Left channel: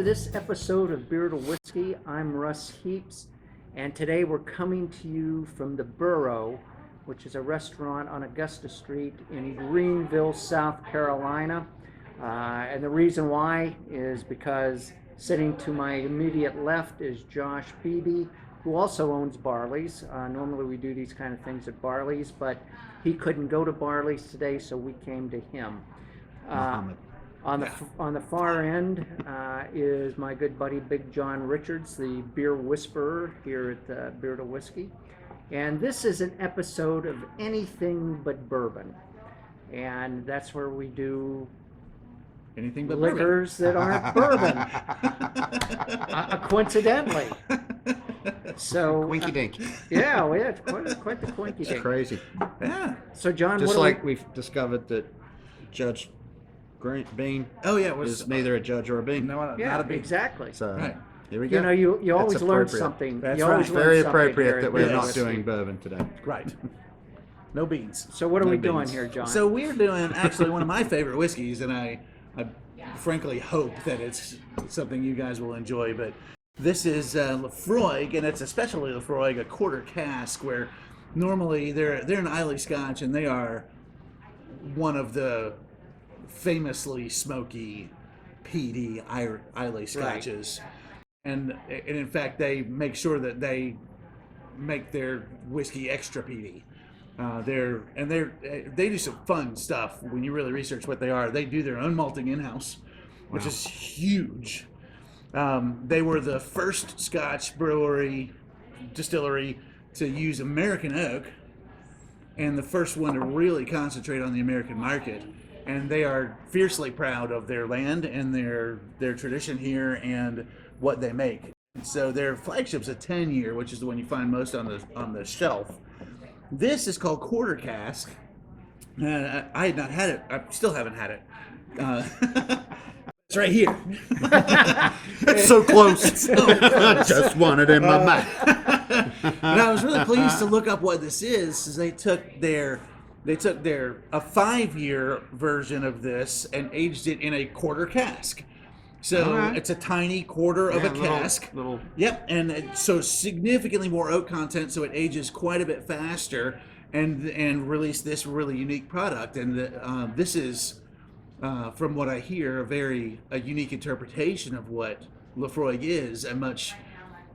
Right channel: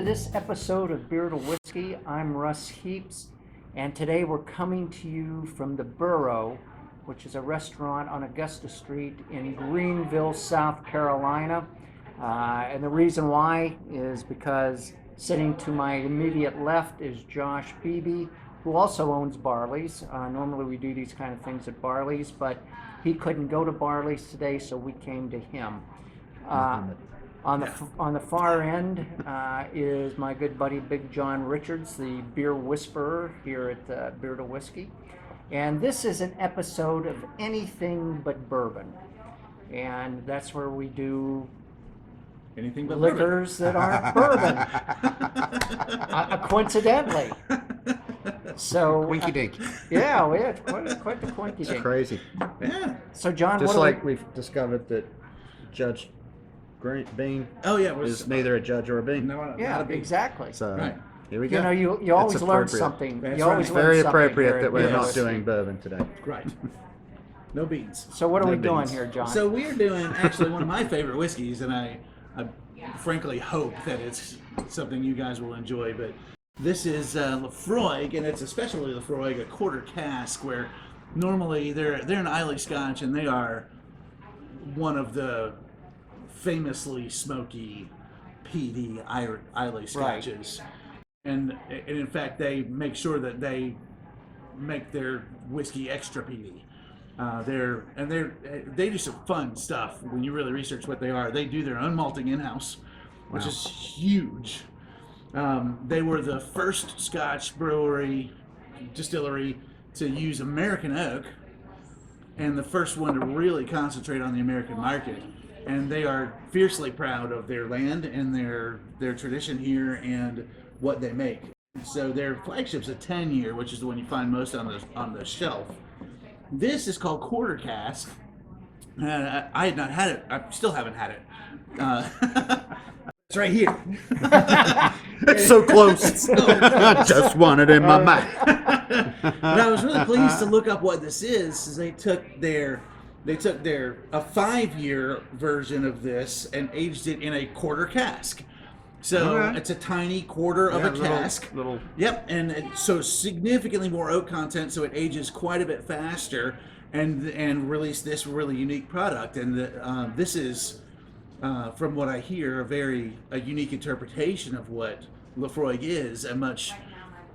to this episode of Beer to Whiskey. I'm Russ Heaps, and today we're coming to you from the Burro, which is a restaurant on Augusta Street in Greenville, South Carolina. And the reason why is because sitting to my immediate left is Josh Beebe, who also owns Barley's. Normally we do these kind of things at Barley's, but he couldn't go to Barley's today, so we came to him. On the far end is my good buddy Big John Richards, the beer whisperer here at Beer to Whiskey. And this is an episode of anything but bourbon. And that's where we do anything but liquors that aren't bourbon. Coincidentally. So Quinky dink. Yeah, we had quite the quinky dink. It's crazy. Yeah. So John, just like we've discovered that Judge Bean is neither a judge or a bean. No, not a bean. Exactly. So right. Here we go. You know, you always learn something. That's you right. always It's learn very something appropriate here that at we're Beer not to doing Whiskey. bourbon today. Right. No beans. So what are No we doing beans. here, John? So we're doing actually one of my favorite whiskeys, and I frankly hope that it's something you guys will enjoy. But this is Laphroaig, and it's especially Laphroaig, a quarter cask, where normally they're an Islay Scotch, and they are one of the famously smoky, peaty Islay Scotches. Right. And in fact, they make sure that they make their whiskey extra peaty. They do some fun stuff when you really research what they are. They do their own malting in-house, which is huge. They were the first Scotch distillery to use American oak, and the first one to really concentrate on the American market. And they are fiercely proud of their land and their tradition here and what they make. So their flagship's a 10-year, which is the one you find most on the shelf. This is called Quarter Cask. I had not had it. I still haven't had it. It's right here. It's so close. I just want it in my mouth. But I was really pleased to look up what this is. They took a 5-year version of this and aged it in a quarter cask. So it's a tiny quarter of a cask. Yep, and so significantly more oak content, so it ages quite a bit faster, and release this really unique product. And this is, from what I hear, a unique interpretation of what Laphroaig is, a much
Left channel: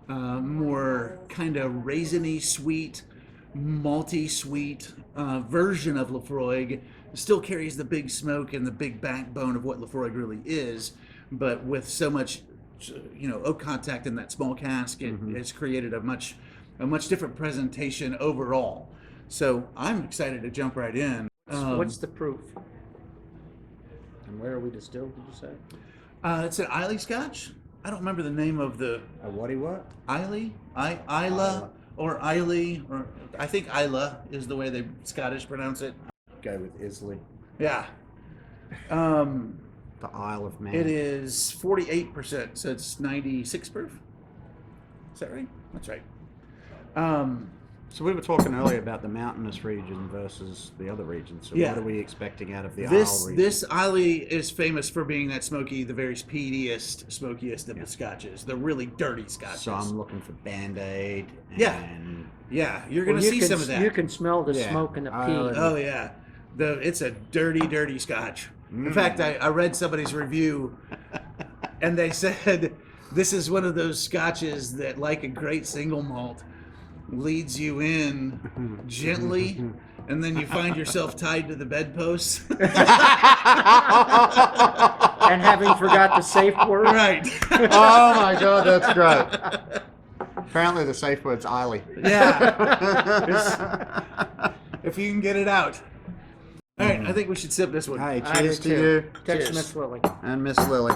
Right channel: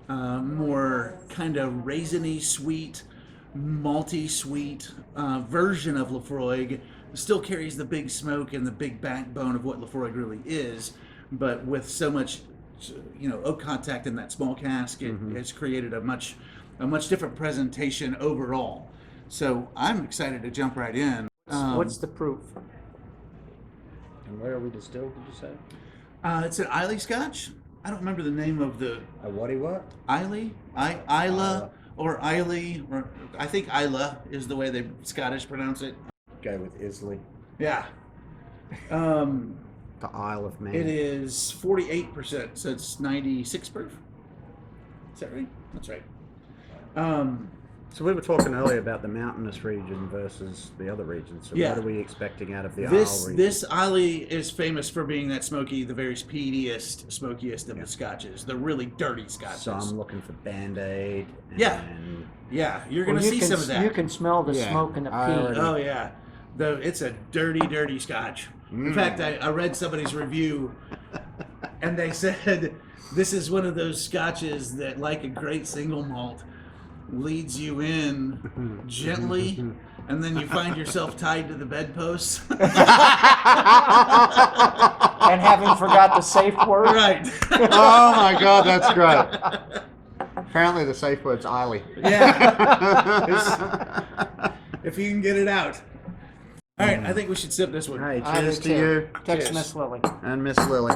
more kind of raisiny sweet, malty sweet version of Laphroaig. Still carries the big smoke and the big backbone of what Laphroaig really is, but with so much, oak contact in that small cask, it has created a much different presentation overall. So I'm excited to jump right in. What's the proof? And where are we distilled, did you say? It's an Islay Scotch. I don't remember the name of the... A what? Islay? Isla or Islay, or I think Isla is the way the Scottish pronounce it. Go with Islay. Yeah. The Isle of Man. It is 48%, so it's 96 proof. Is that right? That's right. So we were talking earlier about the mountainous region versus the other regions. So what are we expecting out of the Isle region? This Islay is famous for being that smoky, the very peatiest, smokiest of the Scotches, the really dirty Scotches. So I'm looking for Band-Aid. And you're going to see some of that. You can smell the smoke and the peat. Oh yeah, it's a dirty Scotch. In fact, I read somebody's review, and they said this is one of those Scotches that, like a great single malt, leads you in gently, and then you find yourself tied to the bedpost. And having forgot the safe word. Right. Oh my God, that's great. Apparently the safe word's Islay. Yeah. If you can get it out. All right, I think we should sip this one. Hey, cheers to you. Text Cheers. Miss Lily. And Miss Lily.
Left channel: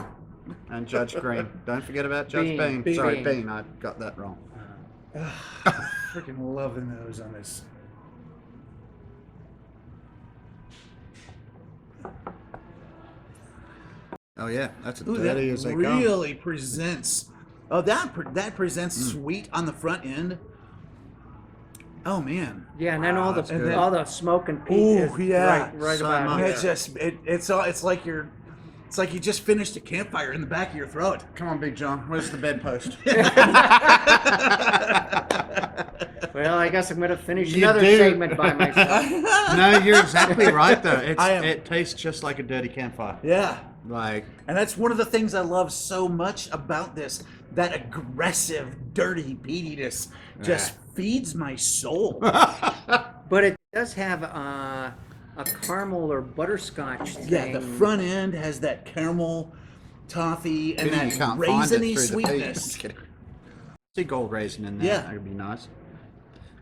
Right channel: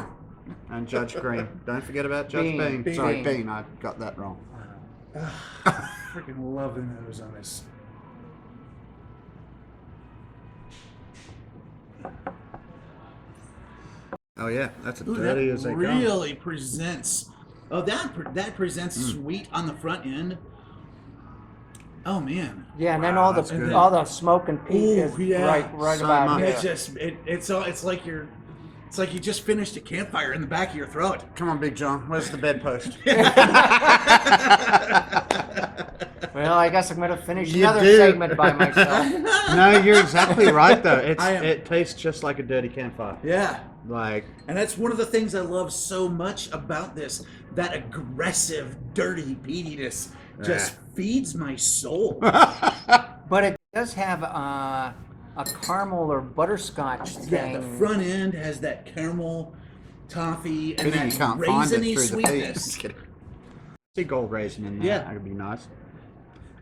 And Judge Green. Don't forget about Judge Bean. Bean. Sorry, Bean. I got that wrong. Freaking love the nose on this. Oh yeah, that's as Ooh, dirty that as they come. really presents. Oh, that presents sweet on the front end. Oh man. Yeah, and then all that's the good. smoke and peat Ooh, is yeah. right So about much. here. It's just it's like you're It's like you just finished a campfire in the back of your throat. Come on, Big John. Where's the bedpost? Well, I guess I'm going to finish another segment by myself. No, you're exactly right, though. It tastes just like a dirty campfire. Yeah. And that's one of the things I love so much about this. That aggressive, dirty peatiness just feeds my soul. But it does have a caramel or butterscotch thing. Yeah, the front end has that caramel, toffee, and that you can't find it raisiny through sweetness. the peat. See gold raisin in there. Yeah. That would be nice.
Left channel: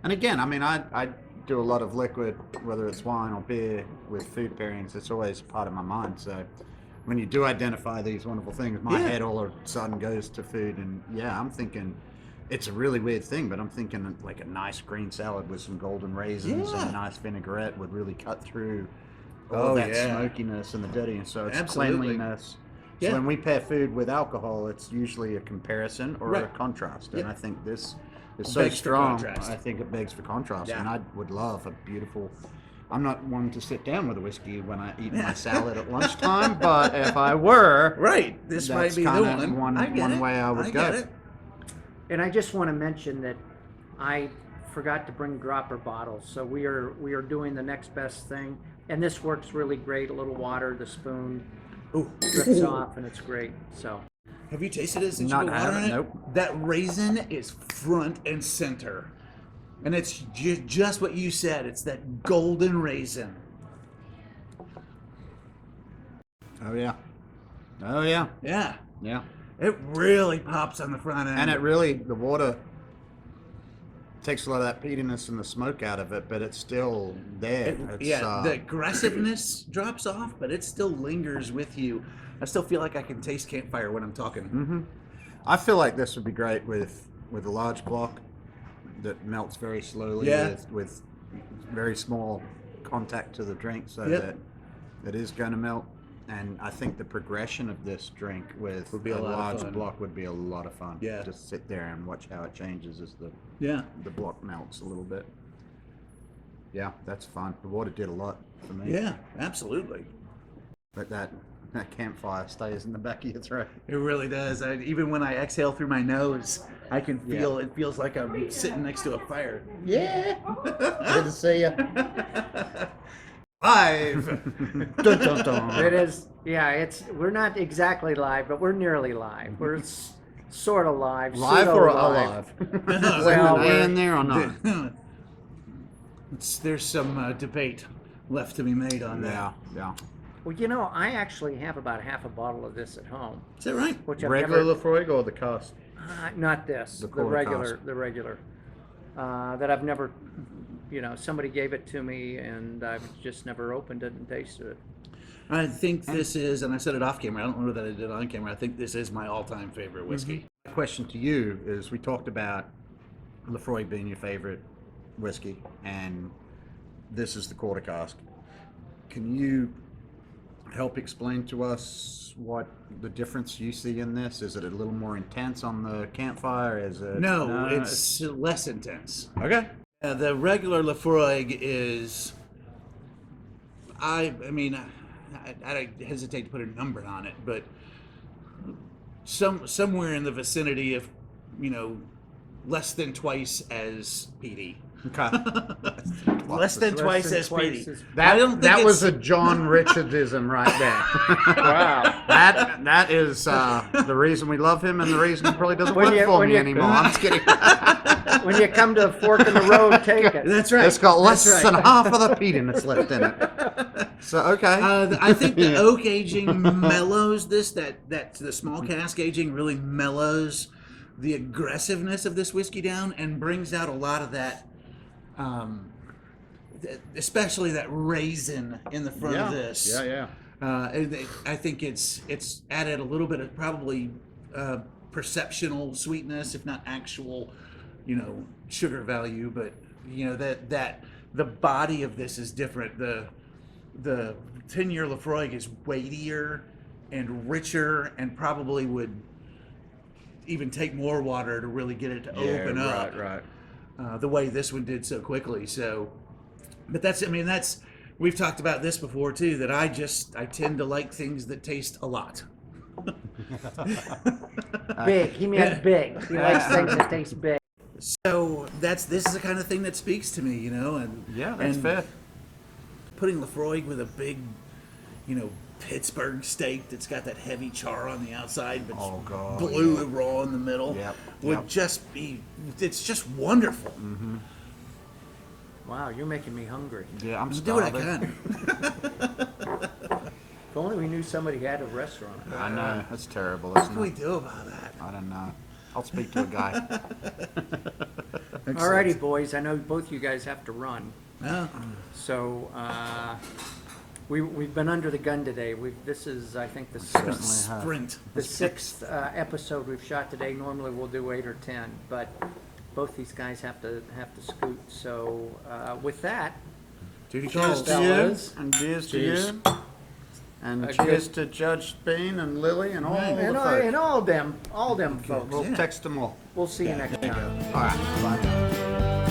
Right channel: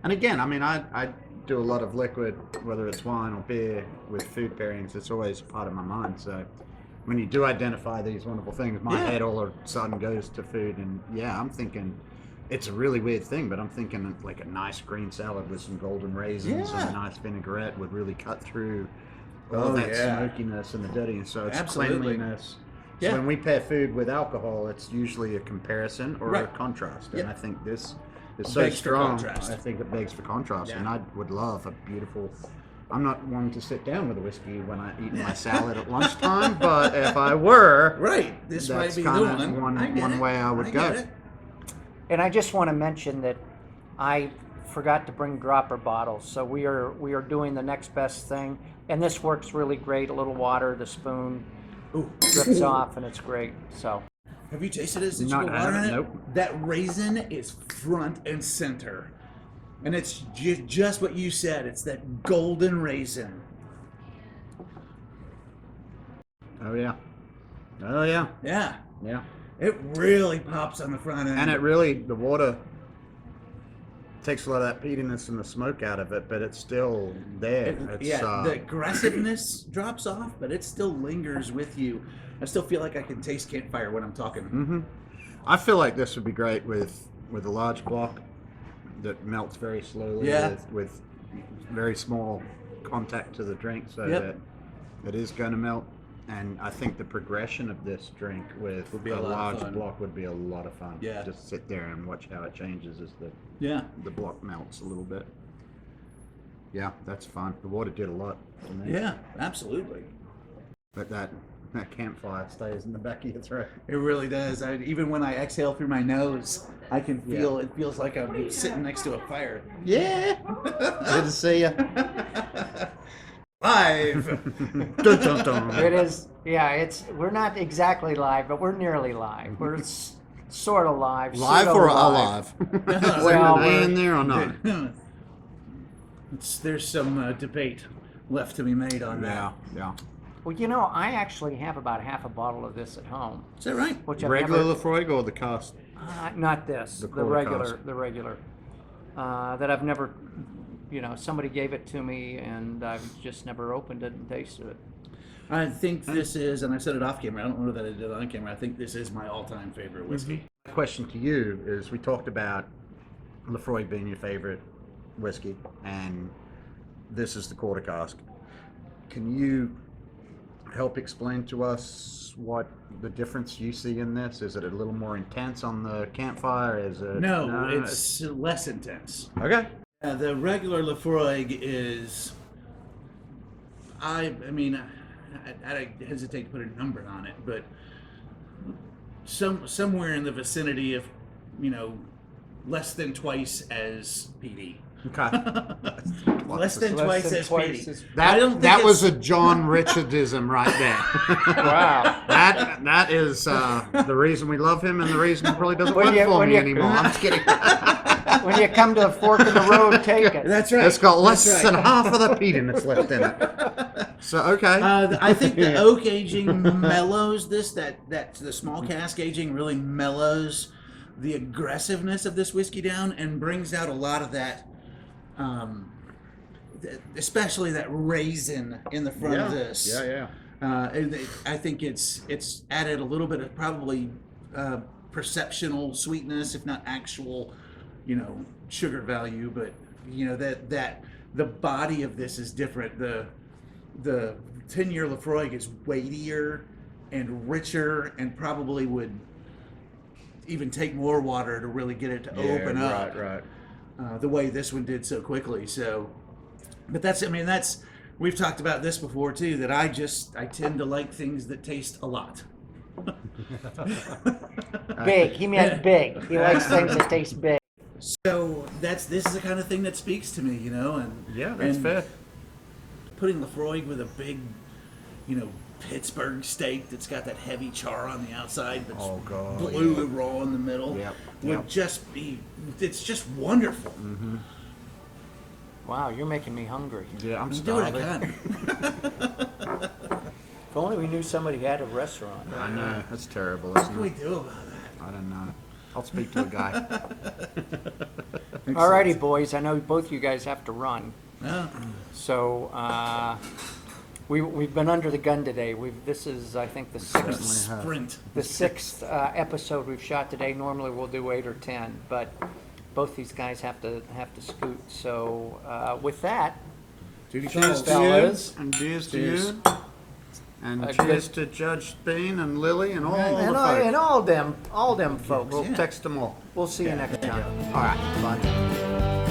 And again, I mean, I do a lot of liquid, whether it's wine or beer, with food pairings. It's always part of my mind. So when you do identify these wonderful things, my head all of a sudden goes to food. And I'm thinking, it's a really weird thing, but I'm thinking like a nice green salad with some golden raisins and a nice vinaigrette would really cut through all that smokiness and the dirtiness. So it's cleanliness. So when we pair food with alcohol, it's usually a comparison or a contrast. And I think this is so strong. I think it begs for contrast. And I would love a beautiful... I'm not one to sit down with a whiskey when I eat my salad at lunchtime, but if I were, this that's might be kind of the one way I would go. And I just want to mention that I forgot to bring dropper bottles, so we are doing the next best thing, and this works really great. A little water, the spoon drips off, and it's great. So, have you tasted it since Not you put water in it? nope. That raisin is front and center, and it's just what you said. It's that golden raisin. Oh yeah. Yeah. Yeah. It really pops on the front end. And it really, the water takes a lot of that peatiness and the smoke out of it, but it's still there. The aggressiveness drops off, but it still lingers with you. I still feel like I can taste campfire when I'm talking. Mm-hmm. I feel like this would be great with a large block that melts very slowly with very small contact to the drink, so that it is going to melt. And I think the progression of this drink with a large block would be a lot of fun. Yeah. Just sit there and watch how it changes as the block melts a little bit. Yeah, that's fun. The water did a lot for me. Yeah, absolutely. But that campfire stays in the back of your throat. It really does. Even when I exhale through my nose, I can feel it feels like I'm sitting next to a fire. Yeah. Good to see you. Live. Dun, dun, dun. it is. Yeah, we're not exactly live, but we're nearly live. We're sort of live. Live or alive? Well, in there or not? There's some debate left to be made on that. Yeah. Well, I actually have about half a bottle of this at home. Is that right? Which I've Regular never, Laphroaig or the Cask? Not this. The regular. The regular. That I've never. Somebody gave it to me, and I've just never opened it and tasted it. I think this is, and I said it off camera. I don't know that I did it on camera. I think this is my all-time favorite whiskey. The question to you is: we talked about Laphroaig being your favorite whiskey, and this is the quarter cask. Can you help explain to us what the difference you see in this? Is it a little more intense on the campfire? Is it? No, it's less intense. Okay. The regular Laphroaig is, I hesitate to put a number on it, but somewhere in the vicinity of, less than twice as peaty. Okay. Less than twice as peaty. That was a John Richardism right there. Wow. That is the reason we love him and the reason he probably doesn't work for me anymore. I'm just kidding. When you come to a fork in the road, take it. That's right. It's got less than half of the peatiness left in it. So okay. I think the oak aging mellows this. That the small cask aging really mellows the aggressiveness of this whiskey down and brings out a lot of that. Especially that raisin in the front of this. Yeah. I think it's added a little bit of probably perceptional sweetness, if not actual, sugar value. But that the body of this is different. The 10-year Laphroaig is weightier and richer, and probably would even take more water to really get it to open up. Right. The way this one did so quickly. So, but that's we've talked about this before too, that I tend to like things that taste a lot. Big. He meant big. He likes things that taste big. So this is the kind of thing that speaks to me, and Yeah, that's and fair. Putting Laphroaig with a big, Pittsburgh steak that's got that heavy char on the outside, but blue and raw in the middle, would just be, it's just wonderful. Mm-hmm. Wow, you're making me hungry. Yeah, I'm Do what I starving. can. If only we knew somebody had a restaurant. I know, that's terrible, What isn't can we it? do about that? I don't know. I'll speak to a guy. Alrighty, boys. I know both you guys have to run. Yeah. So we've been under the gun today. This is, I think, Certainly have. Sprint. the sixth episode we've shot today. Normally we'll do 8 or 10, but both these guys have to scoot. So with that, Duty Cheers calls. to you, fellas. and cheers to Cheers. you. And Okay. cheers to Judge Bean and Lily and all the and folks. all them folks. We'll text them all. We'll see you next time. All right, bye.